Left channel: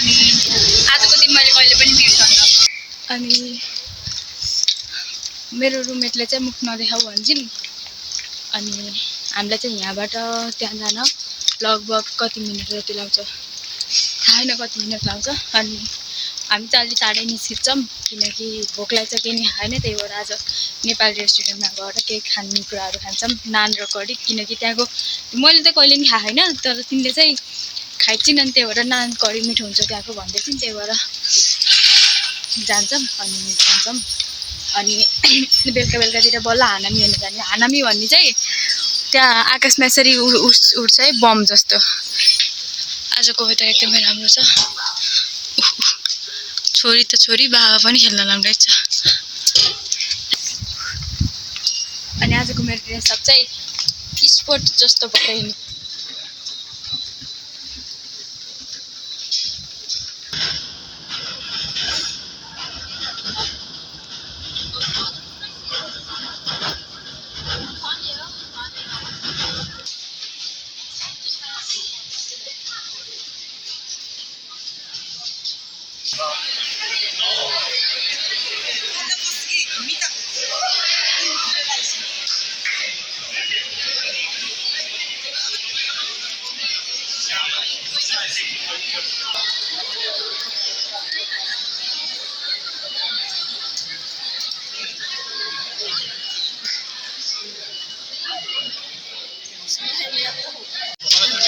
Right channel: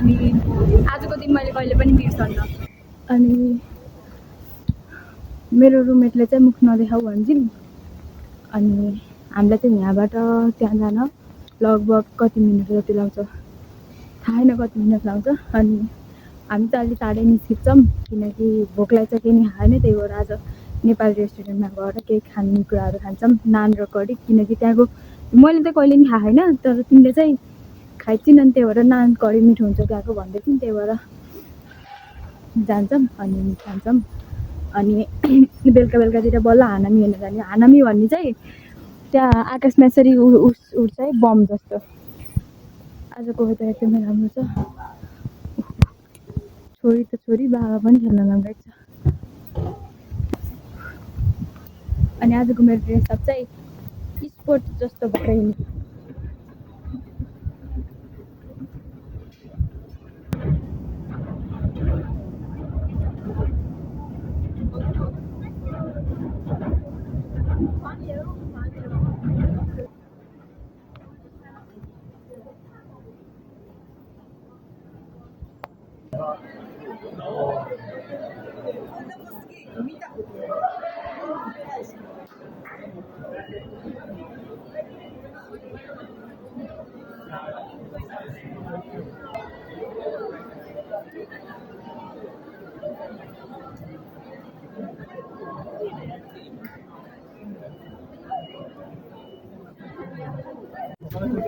अनि आजको दिन मैले कहिले पनि बिर्सन्न। अनि मेरो रुममेटले चाहिँ मुख नदेखाऊ भन्छन्। अनि हामीलाई चाहिँ यहाँबाट त्यहाँ जान लगभग कति मिनट जति लाग्छ थाहा छैन, कति मिनट लाग्छ। अनि हामी चाहिँ अलि चाँडै निस्किन्छौँ किनकि भोक लाग्छ, केही नि खाएन। त्यही भएर आज नेपाली रेस्टुरेन्टमा गएर केही खाने कुराहरू खान्छौँ, नान र कडी। किनकि त्यहाँको मैले चाहिँ कहिले पनि खाएको छैन, तर तिमीले चाहिँ खाइछिन्। अनि त्यही भएर नान कडी मिठो हुन्छ त्यहाँको भन्दै थिइन्। त्यही भएर जान्छौँ अनि खान्छौँ। अनि बेलुका बेलुकातिर बल्ल हानामी हेर्न जाने। हानामी भन्ने चाहिँ त्यहाँ आकाशमा यसरी उड्छ है, बम जस्तो। आजको वेदर एकदमै राम्रो छ। छोरी त छोरी, बाबा पनि खेल्न लागिरहेछ। अनि आजको मेरो ड्रेसअप चाहिँ स्पोर्ट जस्तो भएर हिँड्नु।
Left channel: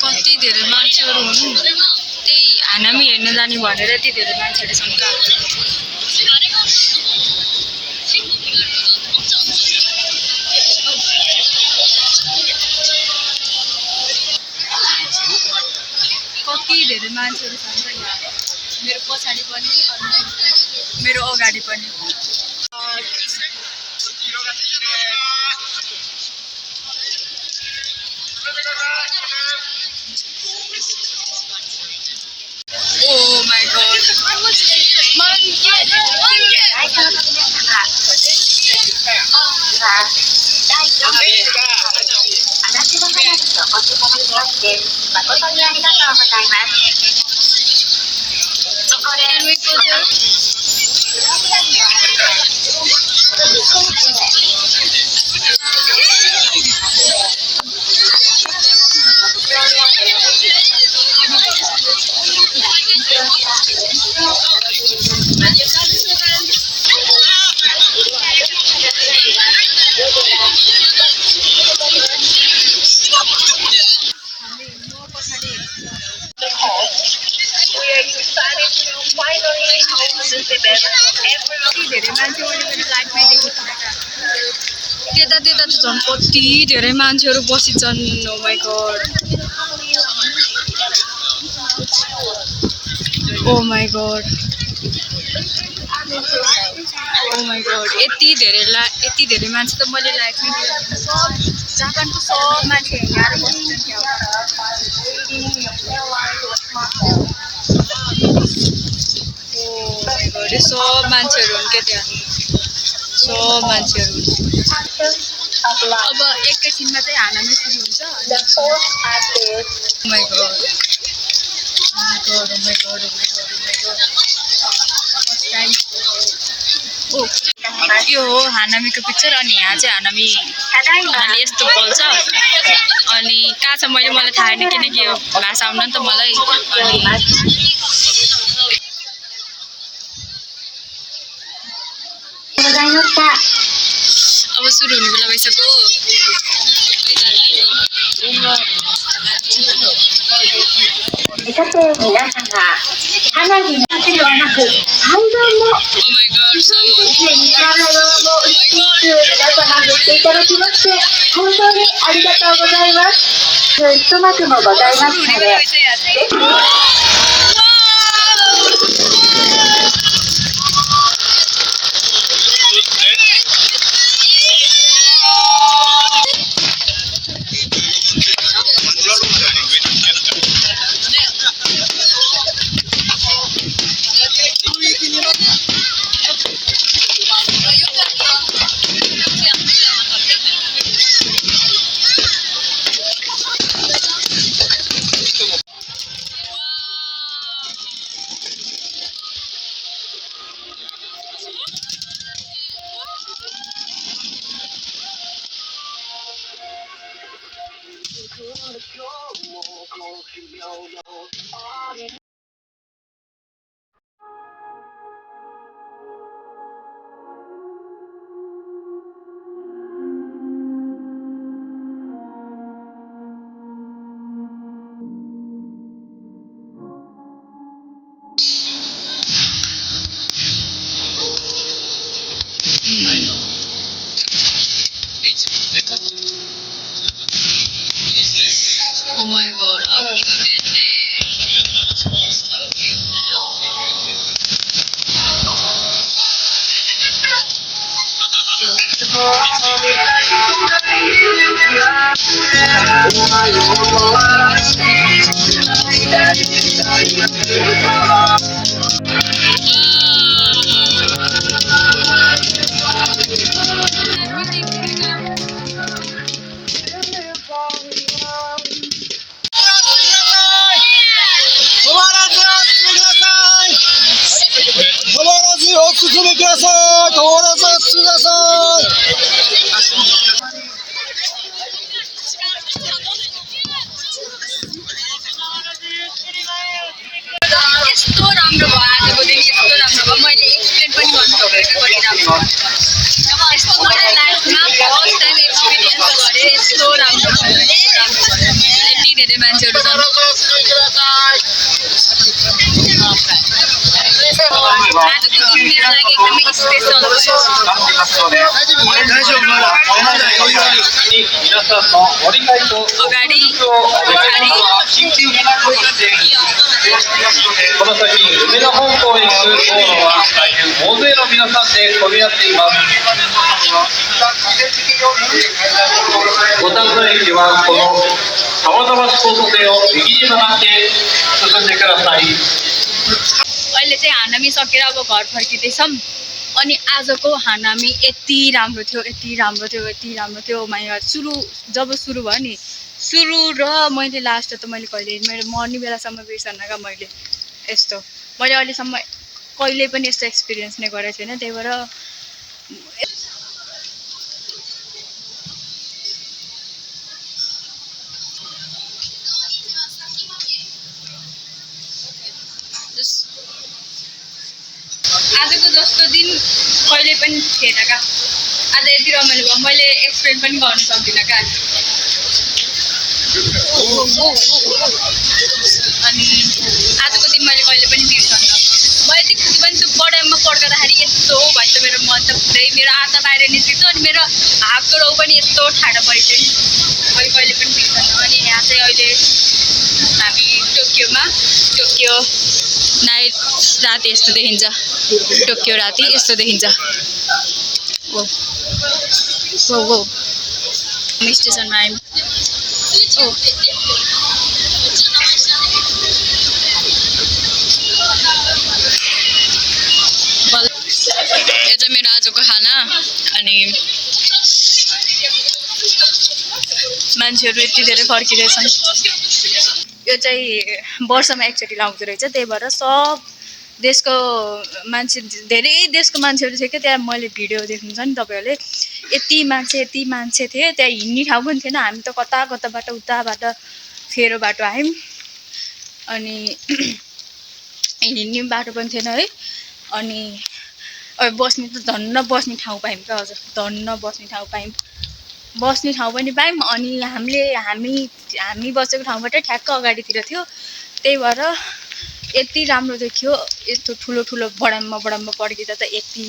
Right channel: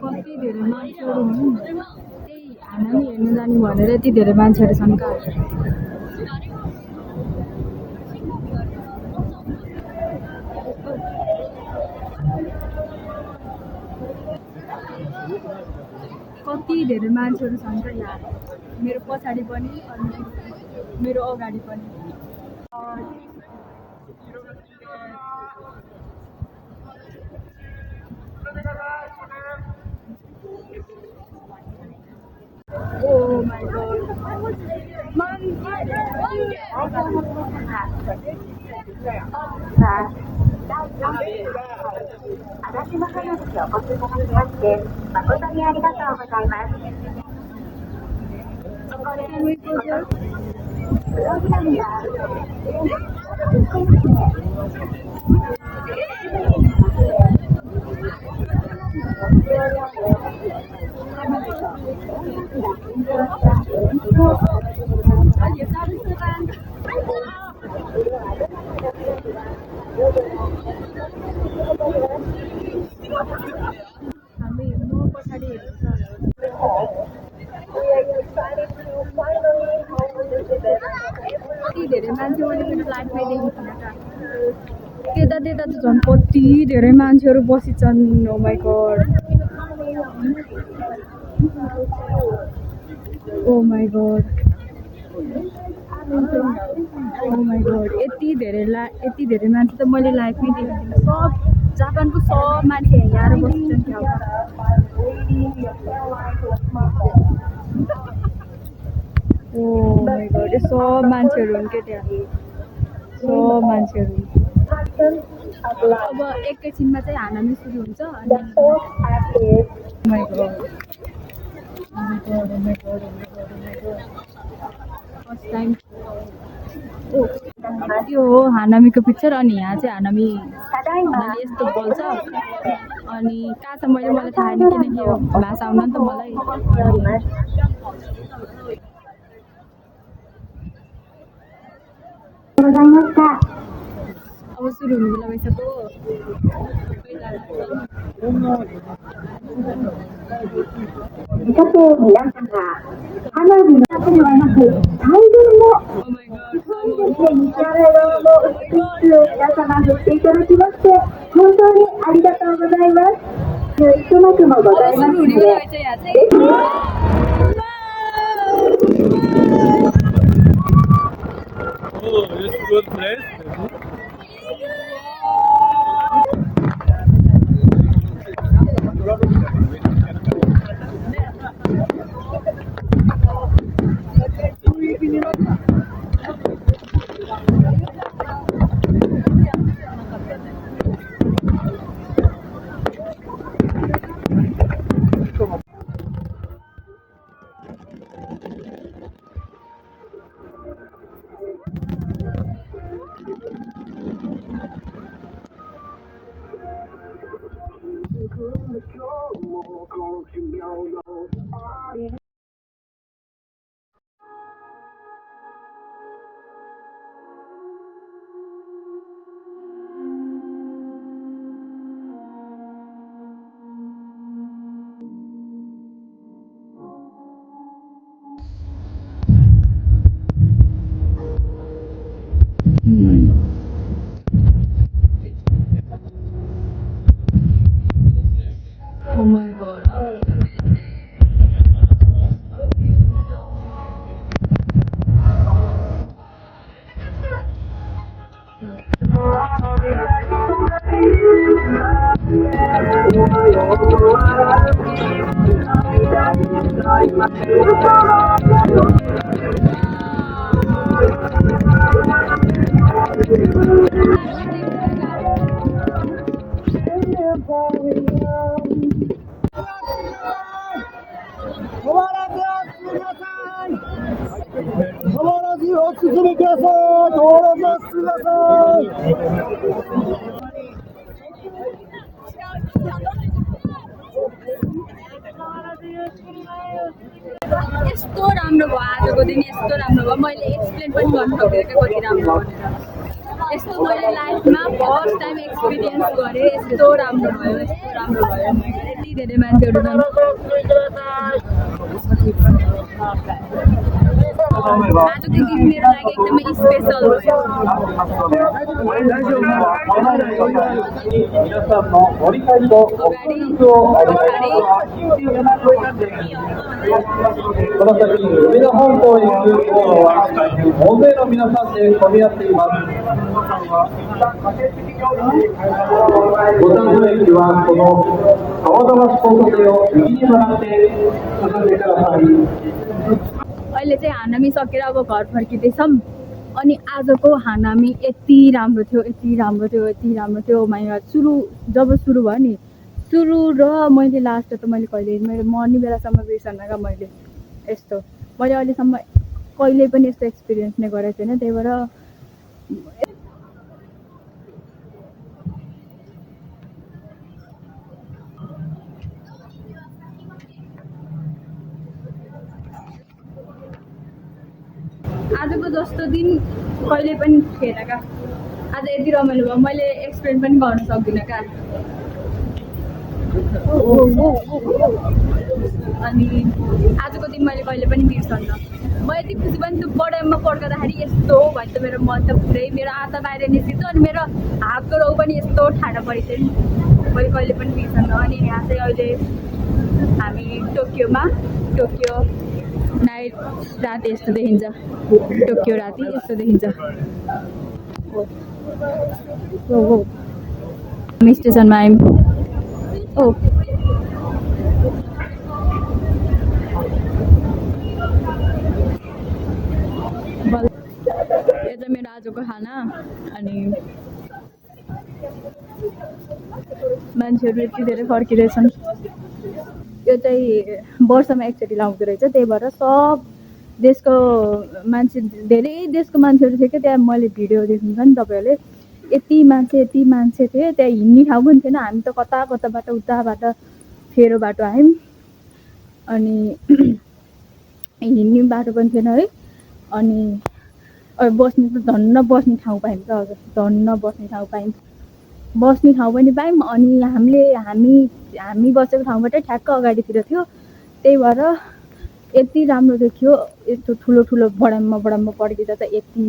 कति धेरै मान्छेहरू हुन्, त्यही हानामी हेर्न जाने भनेर यति धेरै मान्छेहरू छन्। कति धेरै मान्छेहरू छन् त यहाँ, मेरो पछाडि पनि अनि मेरो अगाडि पनि। Oh my god. Can we go there? त्यता त्यता त झन् कति धेरै मान्छेहरू बसिन्छन्। Oh my god, oh my god, oh my god. यति धेरै मान्छे त मैले लागेको थिएन। सब जापानको सब मान्छे यहाँ बसिन्छन् त्यहाँ। ओ माई गॉड, सब मान्छेहरू हुन् क्या त्यहाँ, सब मान्छेहरू। अब एकैछिनमा चाहिँ हानामी सुरु हुन्छ। Oh my god, oh my god, oh my god, oh my god, oh my god. First time. ओ यो हो हानामीको पिक्चर। अनि यहाँ चाहिँ हानामी यस्तो बोल्छ। अनि कहाँ छ मलाई थाहा छैन किनकि यो भाषा आउन नि त मलाई। अनि अब सुरु हुने बेला भइसक्यो Oh my god. यस्तो राम्रो भयो आजको दिन यस्तो राम्रो भयो मैले एक्सप्लेन पनि गर्नु सकेको कति राम्रो यस्तो मैले लाइफमा फर्स्ट टाइम एक्सपिरियन्स गरेँ यस्तो राम्रो भयो यति धेरै मान्छेहरू छन् आजको दिन मेरो लागि एकदमै स्पेसल अगाडि この先、海の本島に行く道路は大変大勢の皆さんで混み合っています。五反田駅はこの浜田橋交差点を右に曲がって進んでください。अहिले चाहिँ हानामी सकेर अब घर फर्किँदैछौँ अनि आजको हानामी यति राम्रो थियो यति राम्रो थियो यति राम्रो थियो माया जब सुरु भयो नि सुरु र मैले लास्ट त मैले कहिले मेरो मर्ने बेलासम्म बिर्सन क्या मैले यस्तो मैले अहिलेसम्म कहिले पनि यस्तो एक्सपिरियन्स नै गरेको छैन त्यही भएर आजको जस्तो दिन कहिले पनि थिएन क्या आज यति रमाइलो भयो मैले एक्सप्लेन पनि गर्न सक्दिनँ क्या अनि आजको दिन मैले कहिले पनि बिर्सन्न म यति खुसी पनि छु बडाममा पड्काउँदाखेरि यस्तो भन्छ मेरो मन त पुरै मेरो आँटा बाहिर निस्किन्छ अनि मेरो हातको रौ पनि यस्तो ठाडो परेको थियो नि मैले कहिले पनि बिर्सन्न अनि यहाँ चाहिँ अहिले हामी टोकियो नाइट राति यस्तो देखिन्छ टोकियो राति यस्तो देखिन्छ स्टेसनमा आयौँ यो चाहिँ मेरो आजको खाना अनि मान्छेहरू यति धेरै फर्किँदैछन् यो चाहिँ वर्षमा एकचोटि लाउँदो रहेछ त्यही भएर सब देशको मान्छे धेरै देशको मान्छेहरू थियो क्या त्यहाँ मैले भिडियो देख्नुहुन्छ नि तपाईँहरूले यति मान्छे थिए त्यहाँ हिँड्ने ठाउँ पनि थिएन हामी त कता कताबाट उताबाट फेरो बाटो आयौँ अनि हिँड्ने बाटो पनि थिएन है अनि बस्ने त धन्न बस्ने ठाउँ पायौँ क्या हजुर, धन्न बस्ने ठाउँ पायौँ, बस्ने ठाउँ पनि पायौँ। अनि हामी बसेको ठाउँबाटै ठ्याक्क अगाडितिर थियो, त्यही भएर यति राम्रो देखियो। यस्तो ठुलो ठुलो बडाममा पड्किँदा त यति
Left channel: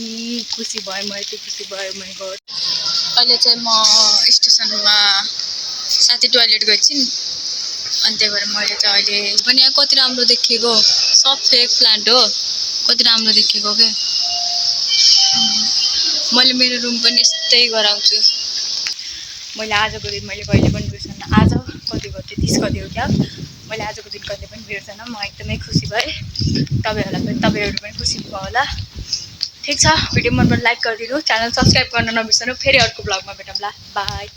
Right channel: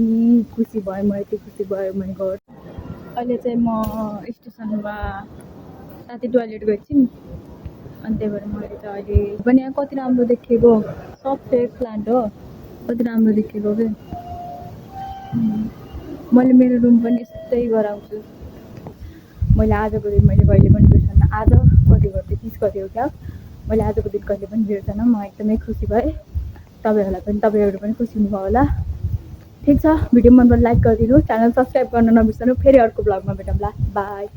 खुसी भएँ म, यति खुसी भएँ मैले गएर। अहिले चाहिँ म स्टेसनमा साथी टोइलेट गएको छु नि, अनि त्यही भएर मैले चाहिँ अहिले पनि यहाँ कति राम्रो देखिएको, सब फेक प्लान्ट हो, कति राम्रो देखिएको क्या। मैले मेरो रुम पनि यस्तै गराउँछु। मैले आजको दिन मैले कहिले पनि बिर्सन्न। आज कति गयो, 30 गति हो क्या, मैले आजको दिन कहिले पनि बिर्सन्न। म एकदमै खुसी भएँ, तपाईँहरू पनि खुसी हुनुभयो होला। ठिक छ, भिडियो मन पऱ्यो लाइक गरिदिनु, च्यानल सब्सक्राइब गर्न नबिर्सनु। फेरि अर्को ब्लगमा भेटौँला, बाई।